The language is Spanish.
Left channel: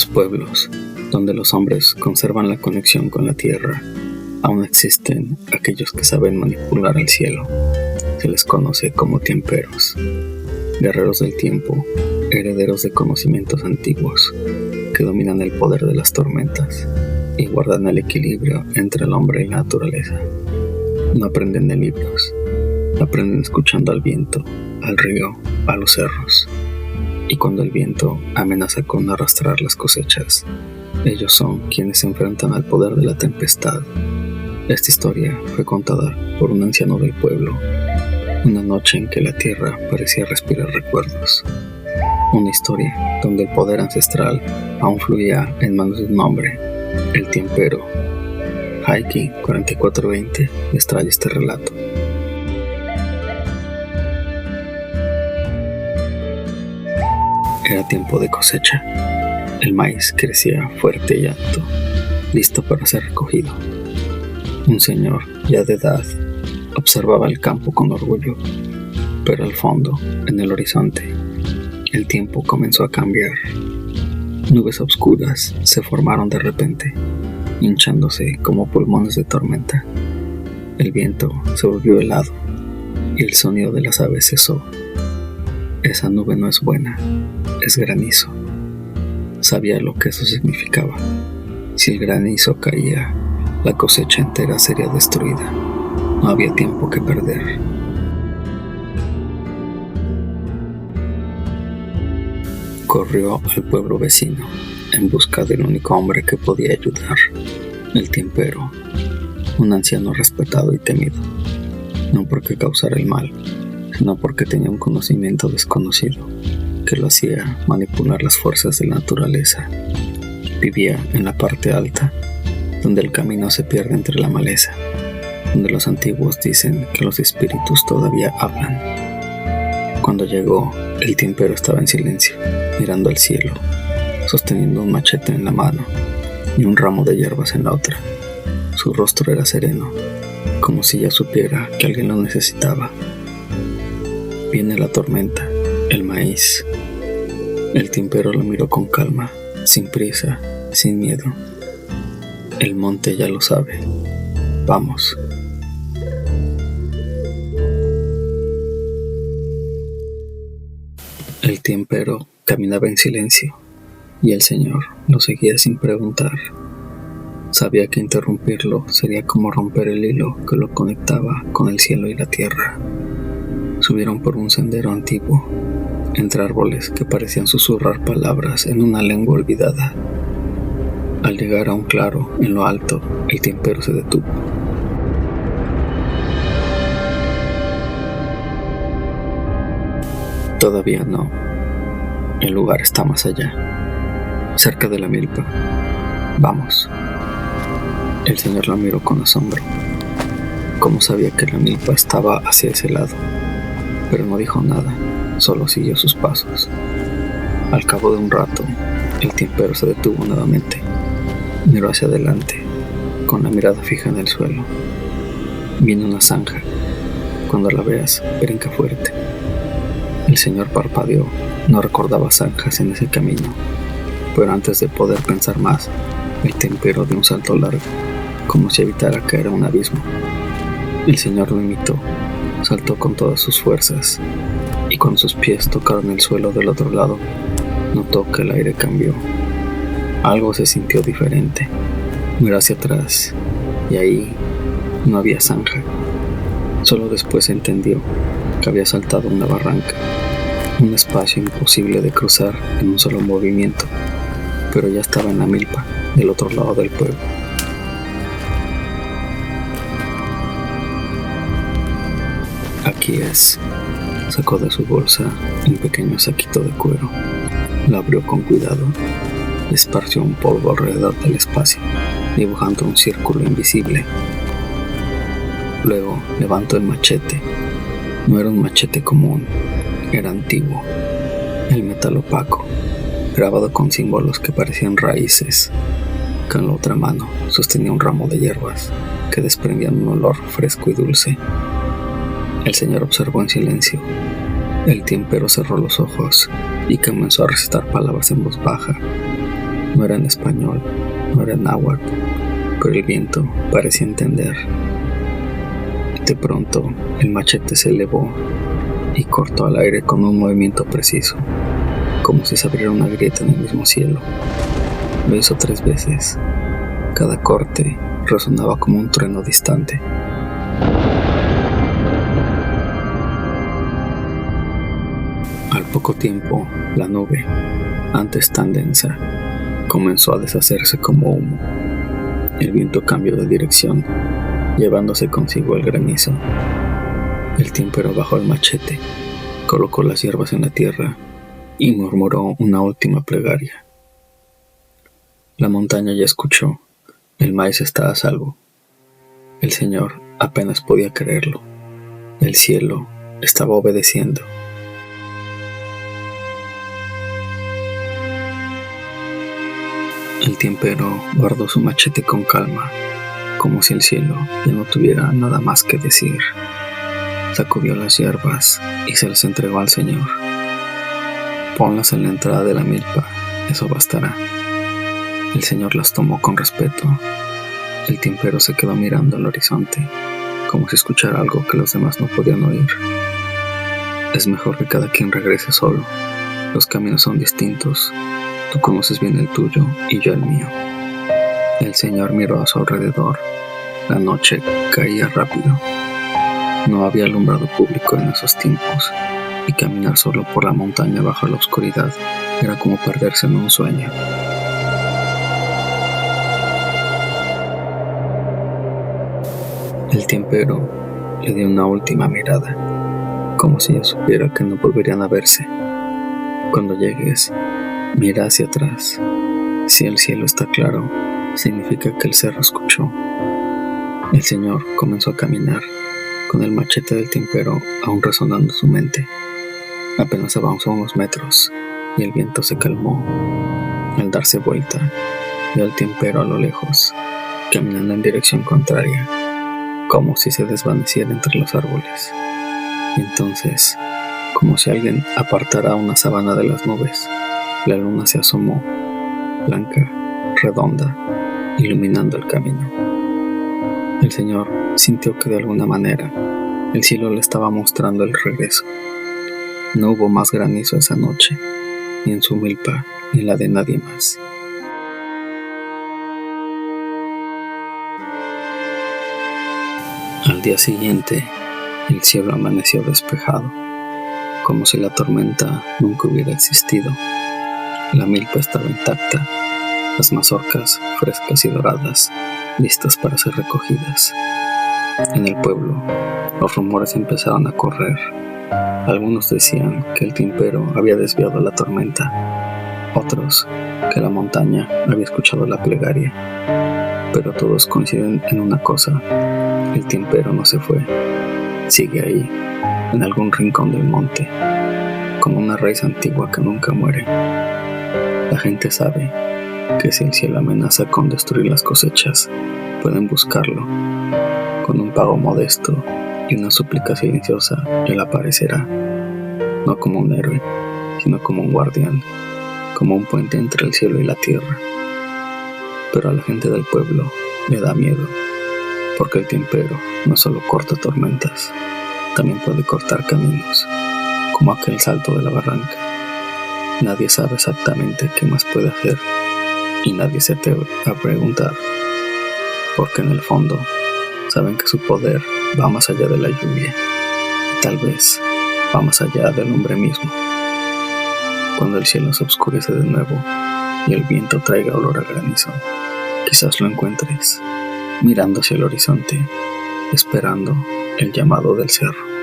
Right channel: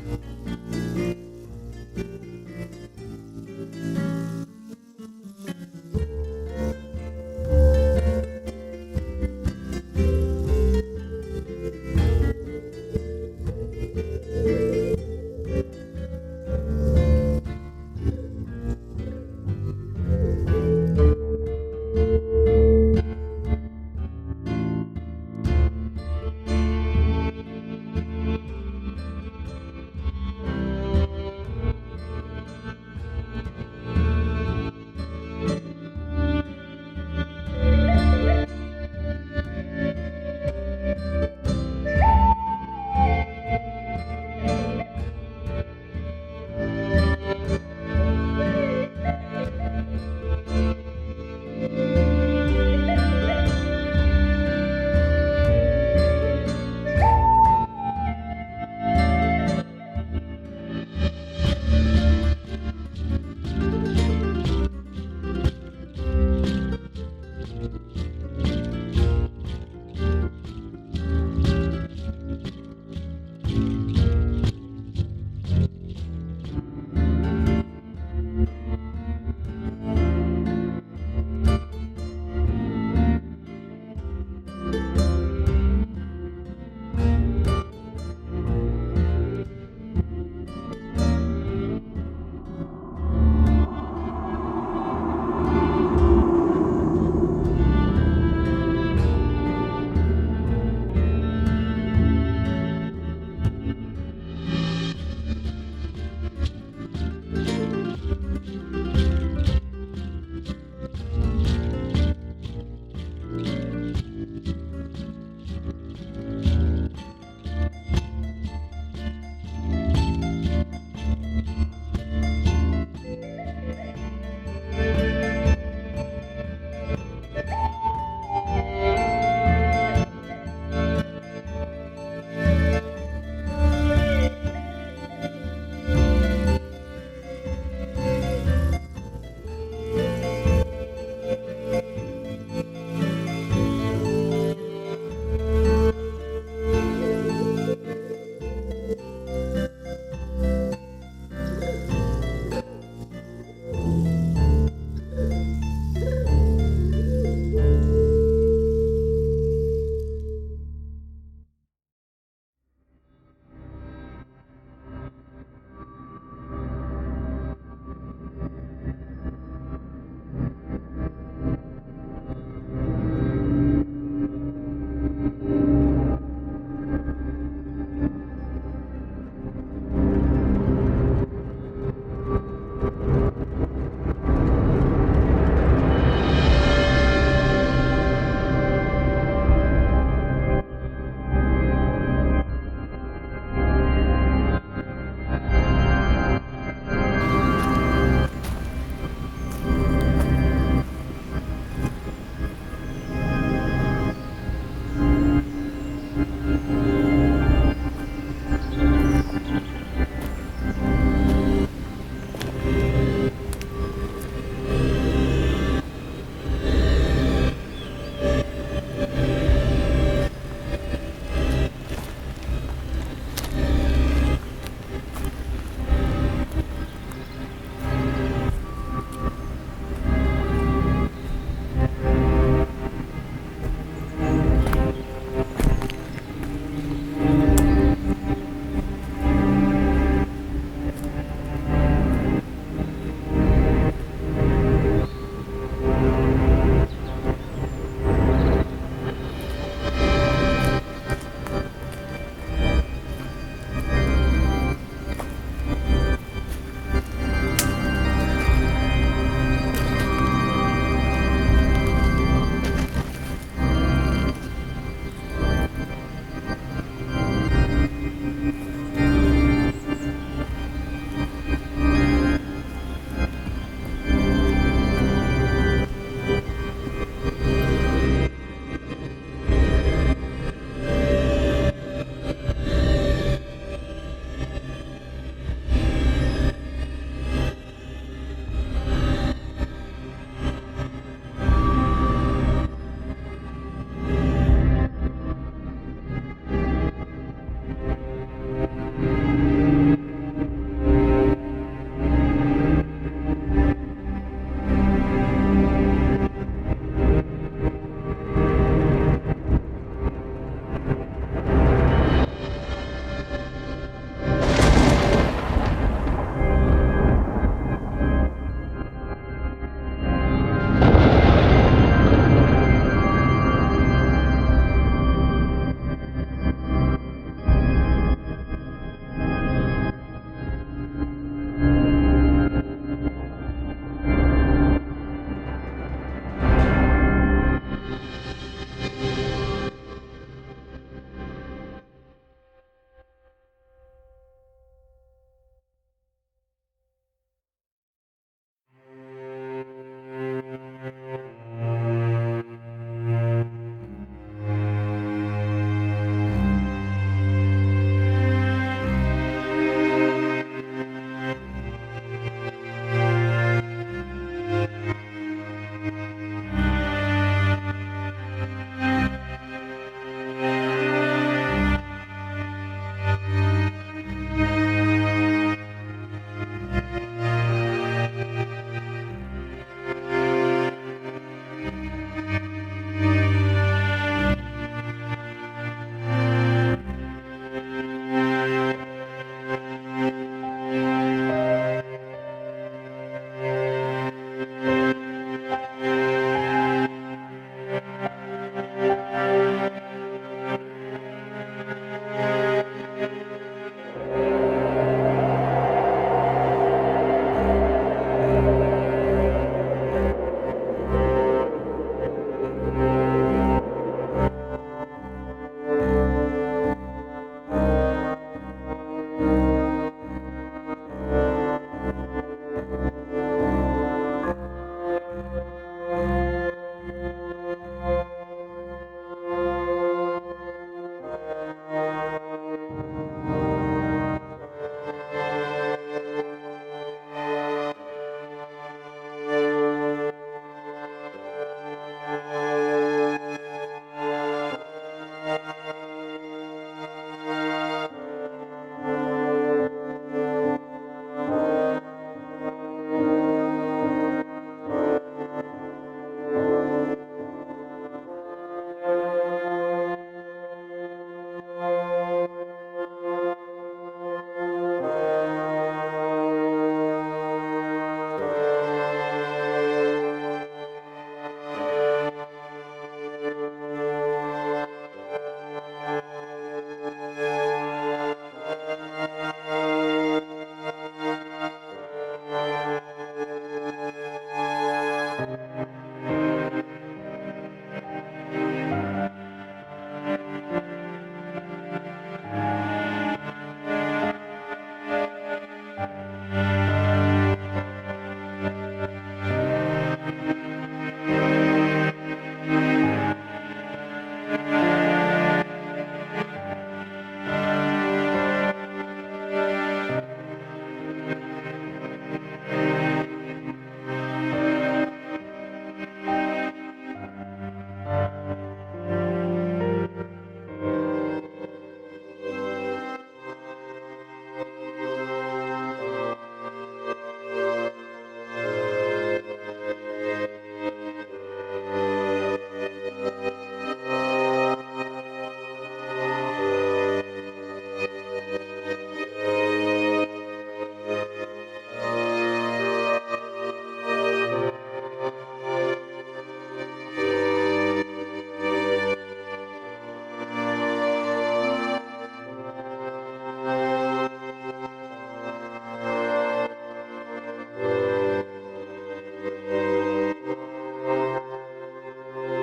los pueblos, donde los hombres conservan la conexión con la tierra, aún existen aquellos que saben manipular el cielo. Se les conoce como tiemperos, guerreros del tiempo, herederos de conocimientos antiguos, que dominan el poder de las tormentas y guardan el equilibrio entre el hombre y la naturaleza. No aprenden de libros, aprenden escuchando al viento, al río, a los cerros. Y cuando el viento amenaza con arrastrar las cosechas, ellos son quienes se enfrentan al poder de la tempestad. Esta historia fue contada por un anciano del pueblo, una noche en que la tierra parecía respirar recuerdos. Una historia donde el poder ancestral aún fluía en manos de un hombre, el tiempero. Haiki 4420 les trae este relato. Era tiempo de cosecha. El maíz crecía fuerte y alto, listo para ser recogido. Un señor, ya de edad, observaba el campo con orgullo, pero al fondo, en el horizonte, el tiempo comenzó a cambiar. Nubes oscuras se formaron de repente, hinchándose como pulmones de tormenta. El viento se volvió helado y el sonido de las aves cesó. Esa nube no es buena, es granizo. Sabía lo que eso significaba. Si el granizo caía, la cosecha entera sería destruida. No había tiempo que perder. Corrió al pueblo vecino en busca del único hombre que podía ayudar, el tiempero, un anciano respetado y temido, no porque causara el mal, sino porque tenía un conocimiento desconocido que lo hacía manipular las fuerzas de la naturaleza. Vivía en la parte alta, donde el camino se pierde entre la maleza, donde los antiguos dicen que los espíritus todavía hablan. Cuando llegó, el tiempero estaba en silencio, mirando al cielo, sosteniendo un machete en la mano y un ramo de hierbas en la otra. Su rostro era sereno, como si ya supiera que alguien lo necesitaba. Viene la tormenta, el maíz. El tiempero lo miró con calma, sin prisa, sin miedo. El monte ya lo sabe. Vamos. El tiempero caminaba en silencio y el señor lo seguía sin preguntar. Sabía que interrumpirlo sería como romper el hilo que lo conectaba con el cielo y la tierra. Subieron por un sendero antiguo, entre árboles que parecían susurrar palabras en una lengua olvidada. Al llegar a un claro en lo alto, el tiempero se detuvo. Todavía no. El lugar está más allá, cerca de la milpa. Vamos. El señor la miró con asombro. ¿Cómo sabía que la milpa estaba hacia ese lado? Pero no dijo nada, solo siguió sus pasos. Al cabo de un rato, el tiempero se detuvo nuevamente. Miró hacia adelante, con la mirada fija en el suelo. Viene una zanja. Cuando la veas, brinca fuerte. El señor parpadeó. No recordaba zanjas en ese camino. Pero antes de poder pensar más, el tiempero dio un salto largo, como si evitara caer a un abismo. El señor lo imitó. Saltó con todas sus fuerzas, y cuando sus pies tocaron el suelo del otro lado, notó que el aire cambió. Algo se sintió diferente. Miró hacia atrás, y ahí no había zanja. Solo después entendió que había saltado una barranca, un espacio imposible de cruzar en un solo movimiento, pero ya estaba en la milpa, del otro lado del pueblo. Aquí es. Sacó de su bolsa un pequeño saquito de cuero. Lo abrió con cuidado y esparció un polvo alrededor del espacio, dibujando un círculo invisible. Luego levantó el machete. No era un machete común, era antiguo. El metal opaco, grabado con símbolos que parecían raíces. Con la otra mano sostenía un ramo de hierbas que desprendían un olor fresco y dulce. El señor observó en silencio. El tiempero cerró los ojos y comenzó a recitar palabras en voz baja. era en español, no era en náhuatl, pero el viento parecía entender. De pronto, el machete se elevó y cortó al aire con un movimiento preciso, como si se abriera una grieta en el mismo cielo. Lo hizo 3 veces. Cada corte resonaba como un trueno distante. Al poco tiempo, la nube, antes tan densa, comenzó a deshacerse como humo. El viento cambió de dirección, llevándose consigo el granizo. El tímpero bajó el machete, colocó las hierbas en la tierra y murmuró una última plegaria. La montaña ya escuchó, el maíz está a salvo. El Señor apenas podía creerlo. El cielo estaba obedeciendo. El tímpero guardó su machete con calma, como si el cielo ya no tuviera nada más que decir. Sacudió las hierbas y se las entregó al Señor. Ponlas en la entrada de la milpa, eso bastará. El Señor las tomó con respeto. El tímpero se quedó mirando al horizonte, como si escuchara algo que los demás no podían oír. Es mejor que cada quien regrese solo. Los caminos son distintos. Tú conoces bien el tuyo y yo el mío. El Señor miró a su alrededor. La noche caía rápido. No había alumbrado público en esos tiempos, y caminar solo por la montaña bajo la oscuridad era como perderse en un sueño. El tímpero le dio una última mirada, como si ya supiera que no volverían a verse. Cuando llegues, mira hacia atrás. Si el cielo está claro, significa que el cerro escuchó. El Señor comenzó a caminar, con el machete del tímpero aún resonando en su mente. Apenas avanzó unos metros y el viento se calmó. Al darse vuelta, vio al tímpero a lo lejos, caminando en dirección contraria, como si se desvaneciera entre los árboles. Entonces, como si alguien apartara una sábana de las nubes, la luna se asomó, blanca, redonda, iluminando el camino. El Señor sintió que de alguna manera el cielo le estaba mostrando el regreso. No hubo más granizo esa noche, ni en su milpa, ni en la de nadie más. Al día siguiente, el cielo amaneció despejado, como si la tormenta nunca hubiera existido. La milpa estaba intacta, las mazorcas frescas y doradas, listas para ser recogidas. En el pueblo, los rumores empezaron a correr. Algunos decían que el tímpero había desviado la tormenta, otros que la montaña había escuchado la plegaria. Pero todos coinciden en una cosa: el tímpero no se fue, sigue ahí, en algún rincón del monte, como una raíz antigua que nunca muere. La gente sabe que si el cielo amenaza con destruir las cosechas, pueden buscarlo. Con un pago modesto y una súplica silenciosa, él aparecerá, no como un héroe, sino como un guardián, como un puente entre el cielo y la tierra. Pero a la gente del pueblo le da miedo, porque el tímpero no solo corta tormentas, también puede cortar caminos, como aquel salto de la barranca. Nadie sabe exactamente qué más puede hacer, y nadie se atreve a preguntar, porque en el fondo saben que su poder va más allá de la lluvia, y tal vez va más allá del hombre mismo. Cuando el cielo se oscurece de nuevo y el viento traiga olor a granizo, quizás lo encuentres mirando hacia el horizonte, esperando el llamado del cerro.